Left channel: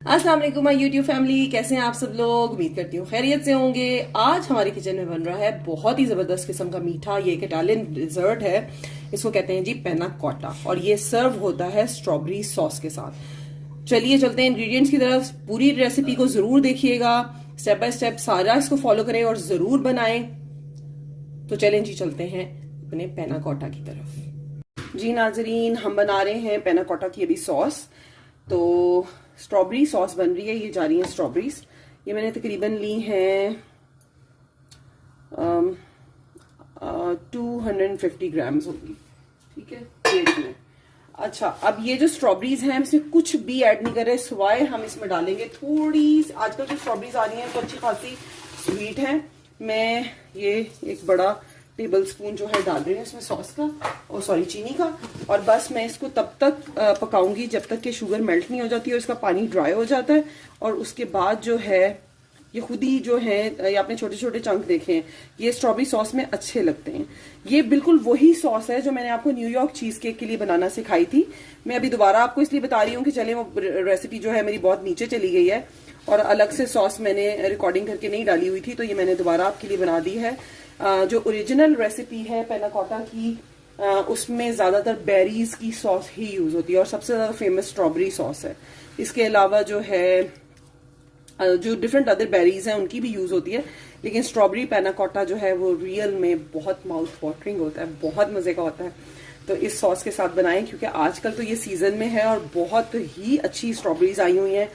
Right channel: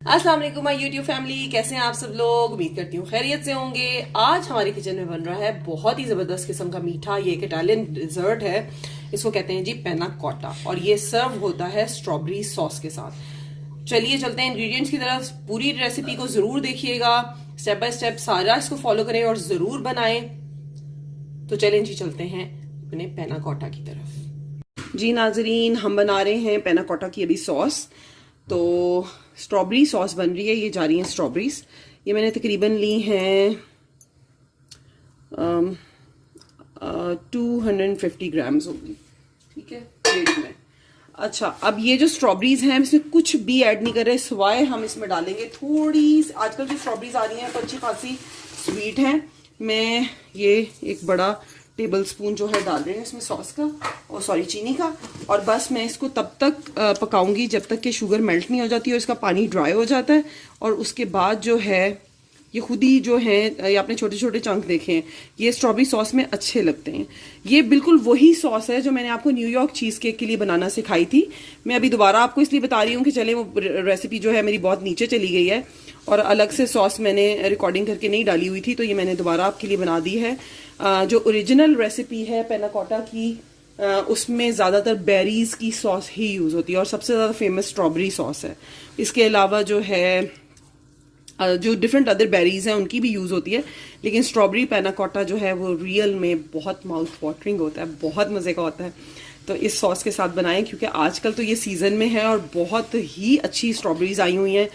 अस्सलाम वालेकुम my YouTube family, कैसे हैं आप सब लोग। उम्मीद करती हूँ खैरियत से होंगे। आज हमारे किचन में बन रहा है बहुत ही जबरदस्त किस्म का मीठा। ये एक इटालियन डिजर्ट है, इसको कहते हैं जी पैना कोटा, और ये सर्व होता है स्ट्रॉबेरी सॉस के साथ। चलिए चलते हैं इंग्रेडिएंट्स की तरफ। पूरी रेसिपी को जरूर देखिएगा, स्टेप बाय स्टेप सारा इसको फॉलो करें और जरूर बनाएं। तो चलें जी, चलते हैं अपने पैना कोटा की तरफ। जी नाजरीन, हम बना रहे हैं पैना कोटा की अभी सॉस। तो स्ट्रॉबेरी सॉस बन रही है, ये जा रही है स्ट्रॉबेरीज। ये मैंने तकरीबन ली हैं 250 ग्राम्स होगी, ठीक है, वेट में। अच्छा, अब ये जो स्ट्रॉबेरीज हैं इसमें कुछ भी ऐड नहीं कर रहे, सिवाय हम इसमें डालेंगे थोड़ी, आजकल जो स्ट्रॉबेरीज आ रही हैं तो अच्छी खासी स्वीट हैं। मैं ये एक बड़ा टेबल स्पून जो है डाल रही हूँ इसमें सॉस का, और सॉरी चीनी का। और बस मैं इसको तब तक पकाऊंगी जब तक कि शुगर मेल्ट नहीं हो जाती और इसका पानी ड्राई हो जाता है। और उसके बाद जो है ये खुद ही जो है, ये आपने छोटे छोटे चंक देखे हैं, ये स्ट्रॉबेरी सॉस में अच्छे लगते हैं। ये बिल्कुल वही सॉस है जो मैंने आपको न्यूयॉर्क चीज केक के लिए बनाना सिखाई थी। मैं अभी दोबारा आपको इसलिए बता रही हूँ कि चले, वो रेसिपी जो है मेरी बहुत नीचे चली गई है और अलग से सॉस मैंने रिकॉर्डिंग करके नहीं डाली हुई थी, तो ये मैंने दोबारा आपके लिए बना दी है। जो ओरिजिनल रेसिपी है पैना कोटा की, उसमें ज़्यादातर बेरीज की सॉस ही यूज़ होती है और सबसे ज़्यादा फेमस स्ट्रॉबेरी सॉस है। इसके अलावा जो है जो डिफरेंट अदर बेरीज हैं उनकी भी यूज़ होती है, लेकिन स्ट्रॉबेरी पैना कोटा जो है वो रियल में बहुत माउथ वाटरिंग होता है, बहुत मज़े का होता है। तो इस सॉस के साथ बनाएं, क्योंकि आजकल तो ये सीज़न में है और बहुत ही अच्छी स्ट्रॉबेरीज आई हुई हैं।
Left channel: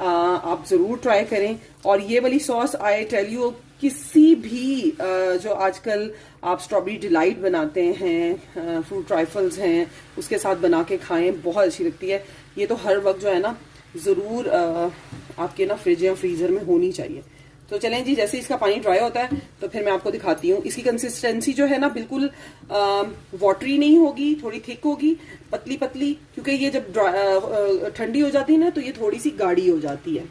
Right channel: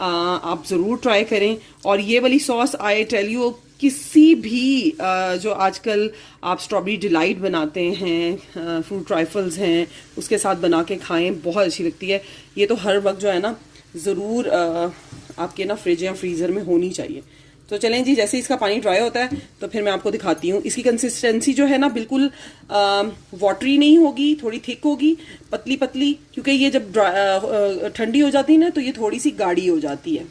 आप ज़रूर ट्राई करें। और ये वाली सॉस, आई टेल यू, किसी भी जो आजकल आप स्ट्रॉबेरी डिलाइट बनाते हैं, फ्रूट ट्राइफल्स हैं, उसके साथ बना के खाएं, बहुत अच्छी लगती है। ये तो हर वक्त जो है ना ज़रूर आपके ना फ्रिज या फ्रीज़र में होनी चाहिए। तो चलें जी, जैसे इसका पानी ड्राई होता है तो फिर मैं आपको दिखाती हूँ। इसकी कंसिस्टेंसी जो है ना बिल्कुल वाटरी नहीं होगी, थोड़ी थिक होगी, पतली पतली, क्योंकि ये जब ठंडी हो जाती है ना तो ये थोड़ी सी गाढ़ी हो जाती है।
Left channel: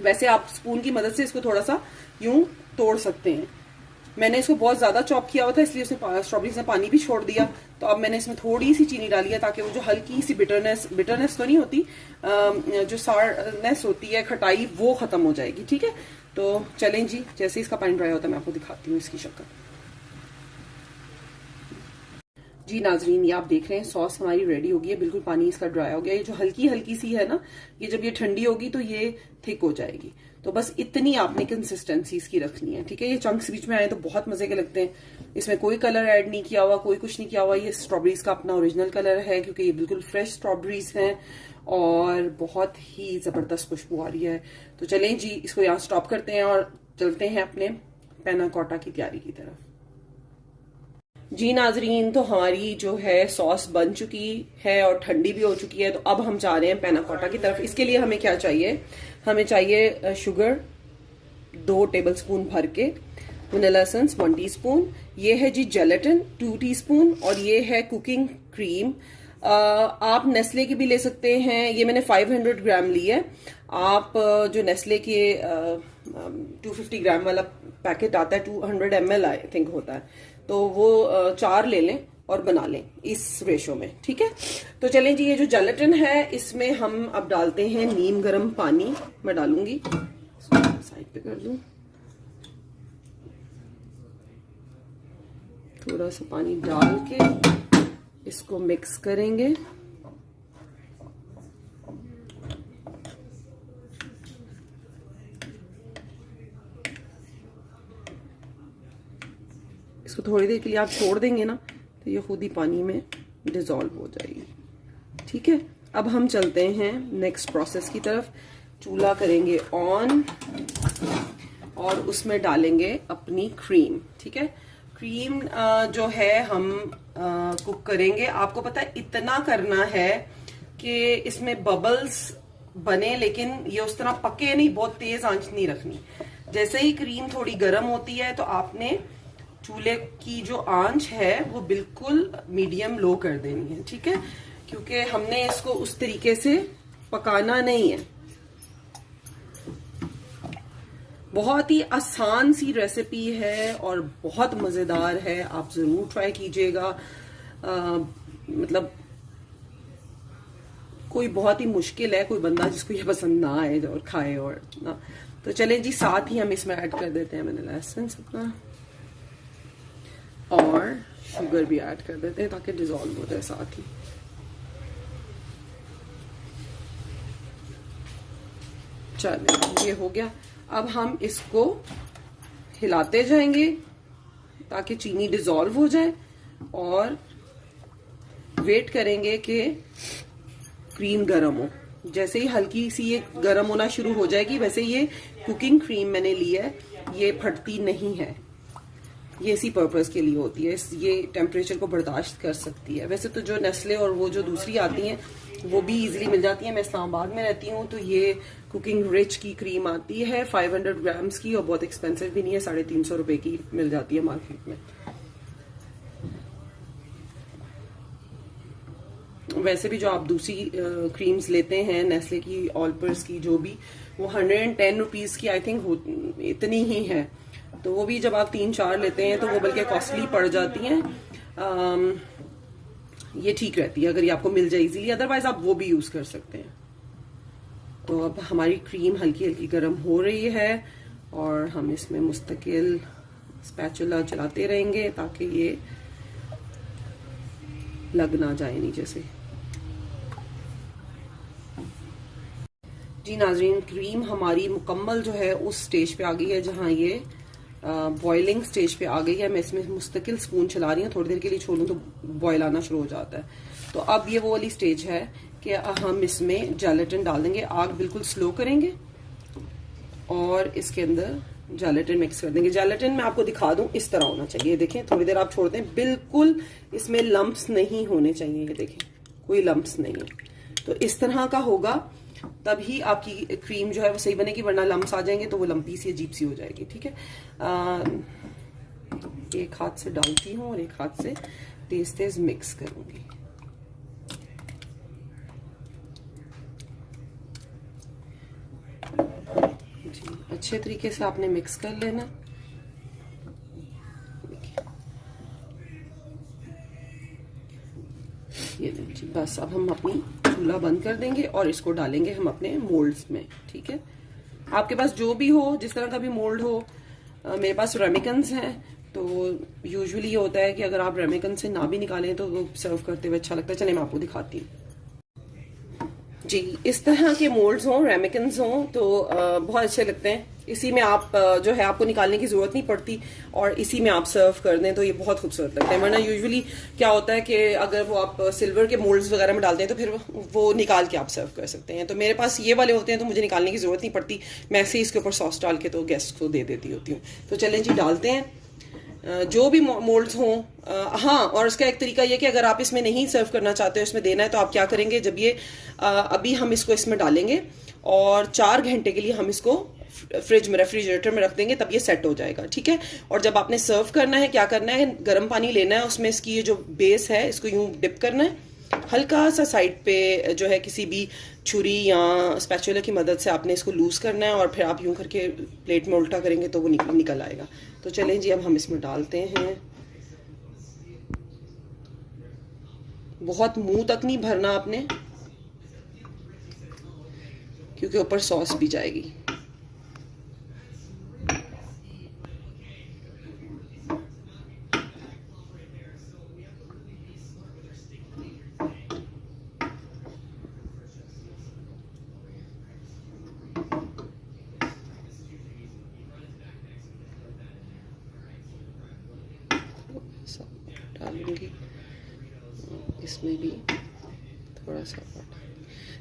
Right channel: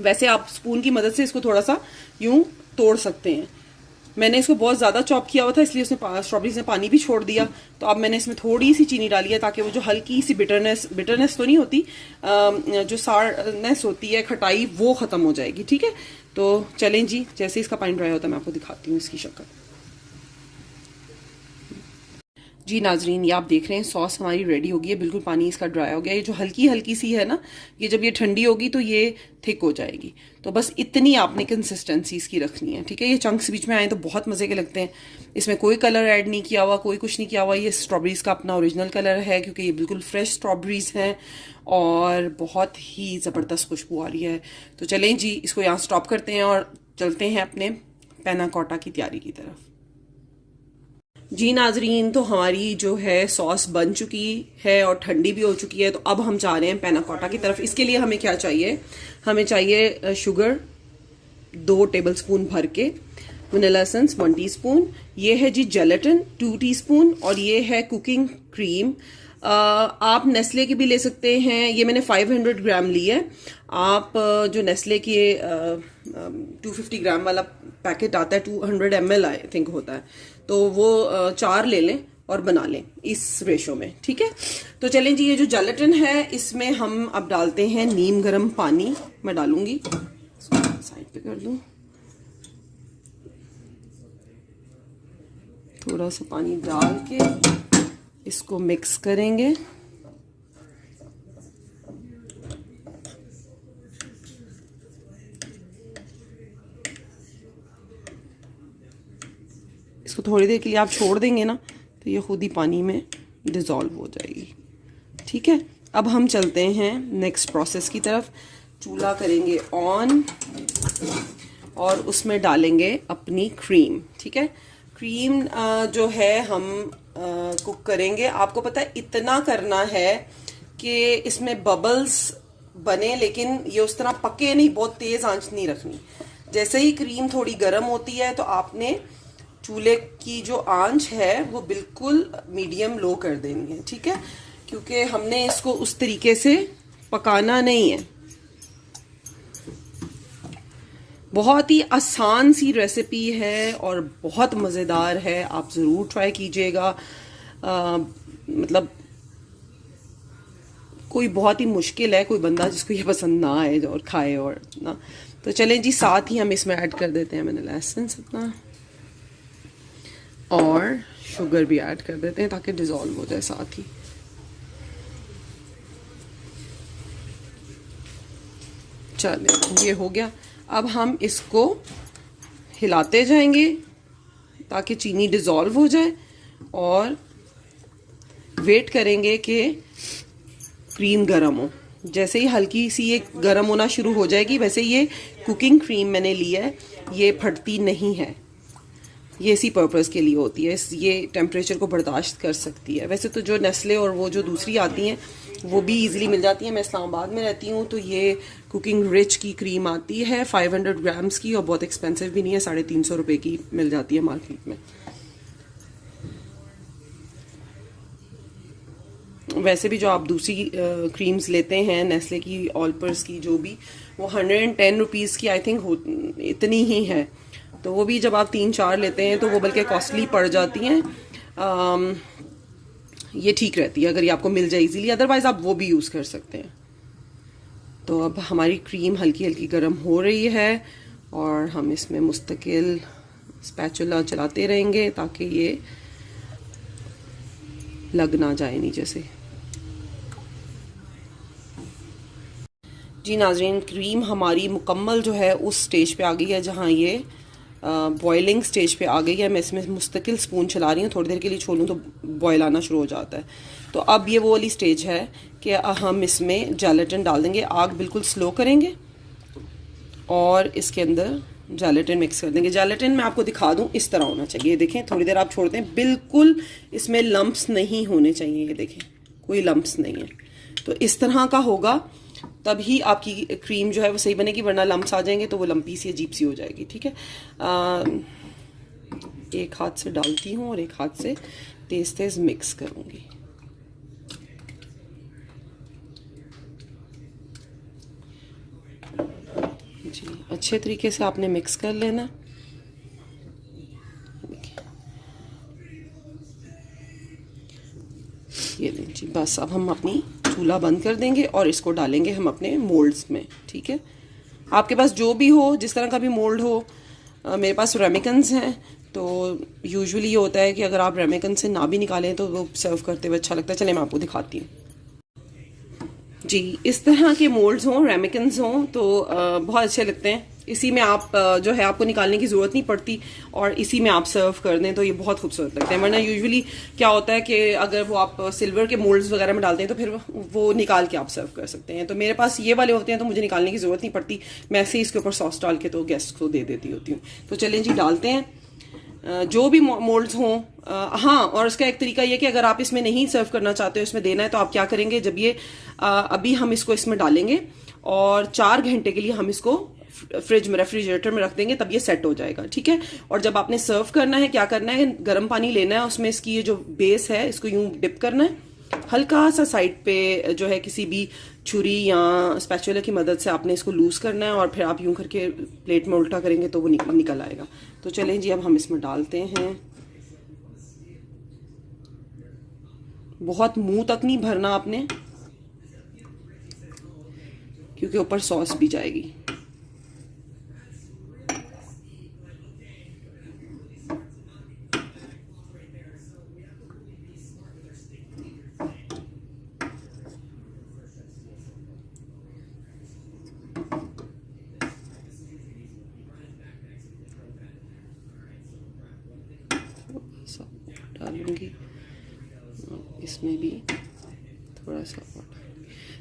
वैसे आप स्पून की मदद से इसको थोड़ा सा यूं तोड़ सकते हैं। मैंने इसको बहुत ज़्यादा चॉप किया हुआ था, इसलिए उसने स्ट्रॉबेरीज ने पानी भी छोड़ दिया। तो अब मैंने इसमें थोड़ी सी चीनी डाली है ताकि वो जो हल्की सी बिटरनेस तो नहीं होती, जो सारनेस होती है, खटाई, वो ख़त्म हो जाएगी, ठीक है। तो चलें जी, जैसे इसका पानी ड्राई होता है मैं आपको दिखाती हूँ इसकी शक्ल। जी नाजरीन, ये आप देख रहे हैं सॉस हमारी रेडी हो गई है, बिल्कुल पानी इसका ड्राई हो गया। ये जो हल्की हल्की सी है ना, ये जब ये ठंडी होगी तो ये थिक हो जाएगी। तो बस इतनी आपने कंसिस्टेंसी इसकी रखनी है, ठीक है। ये चंक्स बीच में आए तो बहुत मजे के लगते हैं। इसमें कोई कलर ऐड नहीं किया हुआ, कोई कुछ नहीं किया हुआ। ये स्ट्रॉबेरीज का अपना ओरिजिनल कलर है, क्योंकि ये बिल्कुल फ्रेश स्ट्रॉबेरीज हैं और बहुत ही ज़बरदस्त खुशबू आ रही है। तो चलें जी, इसको यहाँ स्टॉप करते हैं और चलते हैं अपने पैना कोटा की तैयारी की तरफ। जी नाजरीन, तो हमारी जो है सॉस बन चुकी है और ठंडी भी हो चुकी है। तो अब हम जा रहे हैं पैना कोटा की तरफ। इसके लिए हमें क्या चाहिए, हमें चाहिए शुगर 2 टेबलस्पून भर के, वनीला एसेंस 1 टीस्पून, ये है जी जेलेटिन 2 टीस्पून, और ये है कुकिंग क्रीम। आप नेस्ले की भी ले सकते हैं, ये मैंने 500 ग्राम ली है। आप जो नेस्ले के 250 ग्राम वाला पैकेट आता है, 200 ml आई थिंक होता है, तो वो 4 ले लें और बना लें इस रेशो में, ठीक है। तो चलें जी, ये जो जेलेटिन है इसमें हम अब डालते हैं नीम गर्म पानी। मैं डालूंगी, साइड पे कर दूं, थोड़ा सा पानी डाल के इसको मिक्स करेंगे। इसको थोड़ी देर के लिए आप छोड़ देंगे ना तो ये खुद ही पानी में डिज़ोल्व हो जाएगी, ठीक है। अब हम चलते हैं नेक्स्ट प्रोसेस की तरफ। चूल्हा करेंगे ऑन और उसमें डालेंगे अपनी क्रीम, ठीक है। क्रीम जो है हम कुक करेंगे। आपको पता है इतना करना है कि इसमें बबल्स बने, लेकिन ये उस तरह पके नहीं, बहुत तेज आंच नहीं रखनी। जैसे ही क्रीम थोड़ी गर्म होती है तो आपने चूल्हे की जो आंच है वो बिल्कुल मीडियम लो कर देनी है, ठीक है, क्योंकि हमने इसको उस तरीके से पकाना नहीं है। बहुत ही आसान सी रेसिपी है और बहुत मज़ेदार है, आप ज़रूर ट्राई कीजिएगा। मतलब कोई बहुत ही मुश्किल है कोई बंदा जिसको ये पसंद ना आए और खाए और ना। तो चलें जी, साथ ही हम इसमें ऐड कर देते हैं वनीला एसेंस अपना, और शुगर भी ऐड कर देते हैं ताकि डिज़ोल्व हो जाए साथ ही। चलें, ये हो गया। अब हम इसको हिलाते जाएंगे ताकि चीनी डिज़ोल्व हो जाए, और वेट करेंगे कि क्रीम गर्म हो। जैसे ही हल्की सी ये गर्म होना शुरू हो जाएगी, वैसे ये कुकिंग क्रीम मैंने ली है, ये फटती नहीं है, ये इसी पर्पज़ के लिए होती है, ये टेम्परेचर को बर्दाश्त कर सकती है। वैसे तो जो नेस्ले और वो जो दूसरी आती हैं वो भी इजीली मिल जाती है। मैं इस्लामाबाद में रहती हूँ, तो ये कुकिंग रिच की क्रीम आती है 500 ग्राम्स की, और बहुत एक्सपेंसिव भी नहीं है, 350 रुपये की मिल जाती है मार्केट में। वैसे भी जो आप दूसरी क्रीम्स लेते हैं नेस्ले की, ऑलपर्स की, जो भी, वो 110 रुपीज़ की आई थिंक इतनी ही है। तो वो भी जब आप 3-4 लेते हैं तो वो बल्कि कॉस्टली पड़ जाती हैं। ये ठीक रहती है अगर ये आपको मिल जाए इजीली, अदरवाइज आप वो भी यूज़ कर सकते हैं। तो अब हमारी क्रीम हल्की हल्की गर्म हो रही है, और हम इसमें मुस्तकिल स्पैचुला चलाते रहेंगे ताकि ये लग ना जाए नीचे से। जी नाजरीन, क्रीम हमारी मुकम्मल जो है उस स्टेज पे आ गई है जहाँ ये बॉइलिंग स्टेज पे आ गई है। मैं इसमें मुस्तकिल स्पून चला रही हूँ, थोड़ी देर के लिए छोड़ दूँ तो बॉयल आना शुरू हो जाता है। तो अब ये वो वाली स्टेज है कि हम इसमें जेलेटिन डाल देंगे। आग बिल्कुल स्लो करेंगे और इसके अंदर जेलेटिन मिक्स कर देंगे। जेलेटिन मैं आपको दिखा दूं, इस तरह होना चाहिए। देखें, थोड़ी देर आप छोड़ते हैं, बिल्कुल इसमें लम्प्स नहीं होने चाहिए। ये देखें, कोई लम्प्स नहीं है। तो इस तरह का होगा तभी आपकी क्रीम जो है वो सही बनेगी, वरना लम्प्स आ जाएंगे तो वो लंपी सी अजीब सी हो जाएगी। ठीक है, एक हाथ से डालती हूँ और एक हाथ से तेज तेज मिक्स करूंगी। जी, अच्छे तरीके से आपने मिक्स कर लेना। ये लें जी, बस अब हम अपनी चूल्हा बंद कर देंगे और इसको डालेंगे हम अपने मोल्ड्स में। ठीक है, आपके पास जो भी हो, जिस तरह का भी मोल्ड हो। मेरे पास रेमिकन्स हैं, तो यूजुअली ये होता है कि अगर आप रेमिकन से ना भी निकालें तो वो सर्व करते हुए अच्छा लगता है। चलिए मैं आपको दिखाती हूँ। जी, इस तरह के मोल्ड्स हों, रेमिकन्स हों, तो बहुत अच्छे लगते हैं। इसी में आप जो है आपको निकालने की ज़रूरत नहीं पड़ती, और इसी में आप सर्व कर दें तो ये बहुत खूबसूरत लगता है। वरना यूजुअली क्या होता है कि अगर वो आप सिल्वर के मोल्ड्स वगैरह में डालते हैं तो फिर वो निकाल के आप सर्व कर सकते हैं। तो मेरे पास ये वाले होते हैं तो मुझे निकालने की ज़रूरत नहीं पड़ती, मैं ऐसे ही इसके ऊपर सॉस डाल के तो गेस्ट को दे देती होती हूँ। तो चलें जी, डालते हैं जो भी मोल्ड्स हों। हाँ, और उसका एक तरीका ये कि अगर आप इसमें नहीं सर्व करना चाहते हो, इसमें देना है, तो आप क्या करेंगे, जब ये अभी हम इसको इसमें डालेंगे और 4 घंटे के लिए हम इसको फ्रिज में, रेफ्रिजरेटर में रख देंगे, तब ये सेट हो जाएगा। ठीक है, और जब आपने सर्व करना है, क्या करना है, गर्म पानी लेना है, उसमें इसकी ये जो बेस है इसको यूं डिप करना है, हल्का सा साइड पे जो है किसी भी छुरी या स्पैचुला की मदद से आपने इसको लूज करना है, और फिर आप यूं करके प्लेट में उल्टा करेंगे तो वो निकल आएगा। तो चलें जी, अब हम इसमें डालते हैं। बहुत मुंह तक नहीं भरना आपने, क्योंकि ऊपर सॉस भी जाएगी। डालूंगी इसमें भी थोड़ा सा।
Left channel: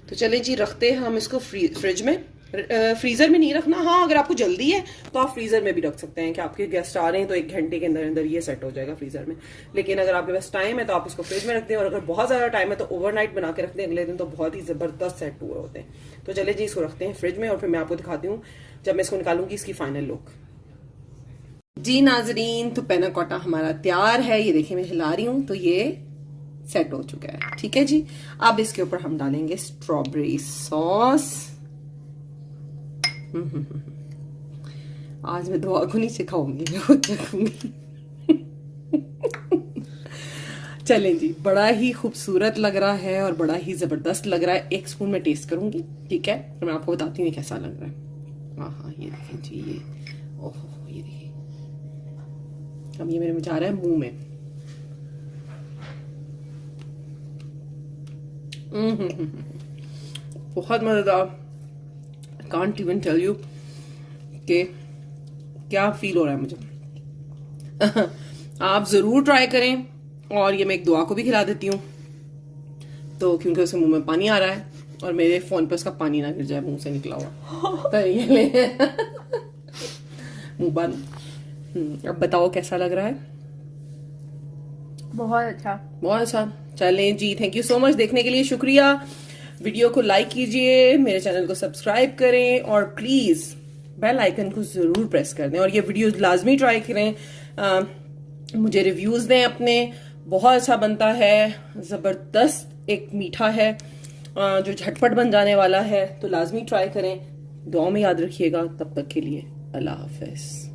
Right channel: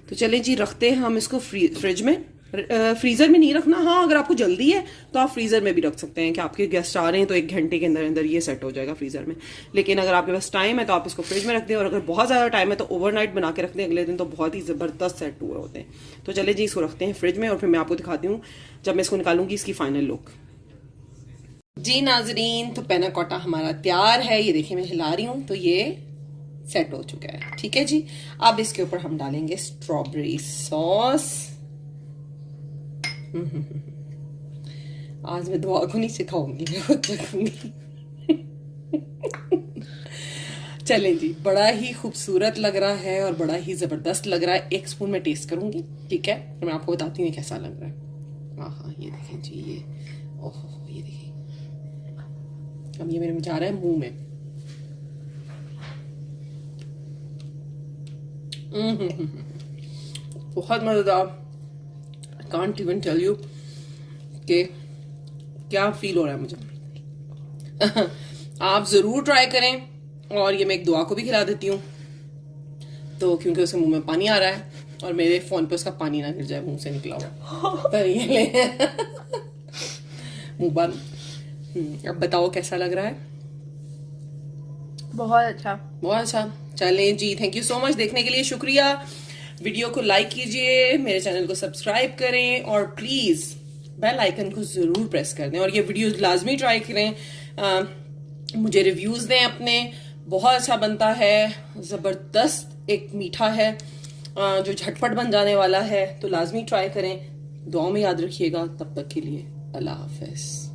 तो चले जी, रखते हैं हम इसको फ्रिज में। फ्रीजर में नहीं रखना। हाँ, अगर आपको जल्दी है तो आप फ्रीजर में भी रख सकते हैं कि आपके गेस्ट आ रहे हैं तो 1 घंटे के अंदर अंदर ये सेट हो जाएगा फ्रीजर में। लेकिन अगर आपके पास टाइम है तो आप इसको फ्रिज में रख दें, और अगर बहुत ज्यादा टाइम है तो ओवरनाइट बना के रख दें, अगले दिन तो बहुत ही जबरदस्त सेट हुए होते हैं। तो चले जी, इसको रखते हैं फ्रिज में, और फिर मैं आपको दिखाती हूँ जब मैं इसको निकालूंगी इसकी फाइनल लुक। जी नाजरीन, तो पैना कोटा हमारा तैयार है। ये देखिए, मैं हिला रही हूँ तो ये सेट हो चुका है। ठीक है जी, अब इसके ऊपर हम डालेंगे स्ट्रॉबेरी सॉस। आज मैं दुआ को नहीं सिखाऊंगी, मैं खुद चखूंगी। चलें जी, बड़ा ही खूबसूरत लग रहा है और बड़ा ही जबरदस्त लग रहा है। एक स्पून में टेस्ट करूंगी, ठीक है, फिर मैं आपको बताती हूँ कैसा लग रहा है। हाँ, ये देखें जी, ये ओहो, ये देखिए, अब ये मेरे में जा रहा है मुंह में। बहुत मजेदार, कांट इवन टेल यू कि क्या फील हो रहा है मुझे। आप जरूर ट्राई करें, और ये मैं एक दुआ को भी खिला देती हूँ, तो क्योंकि उसके मुंह में पानी आ रहा है और मेरे फोन पे उसका पानी ना गिर जाए मुंह से निकला हुआ। तो ये ले मुंह बंद। अब बताओ कैसा लग रहा है? बहुत अच्छा, बहुत अच्छा। चलें जी, थैंक यू सो मच, देखने के लिए शुक्रिया। वीडियो को लाइक कीजिए, मेरे चैनल को सब्सक्राइब करें और प्लीज बेल आइकन को जरूर प्रेस कर दें, और ये वीडियो लाजमी ट्राई करें। मुझे रिव्यूज दें अपने, बहुत अच्छा बनता है, जबरदस्त एक मीठा है जो झटपट बन जाने वाला है, तो लाजमी ट्राई करें। दुआ में याद रखिएगा। तब तक के लिए अल्लाह हाफिज।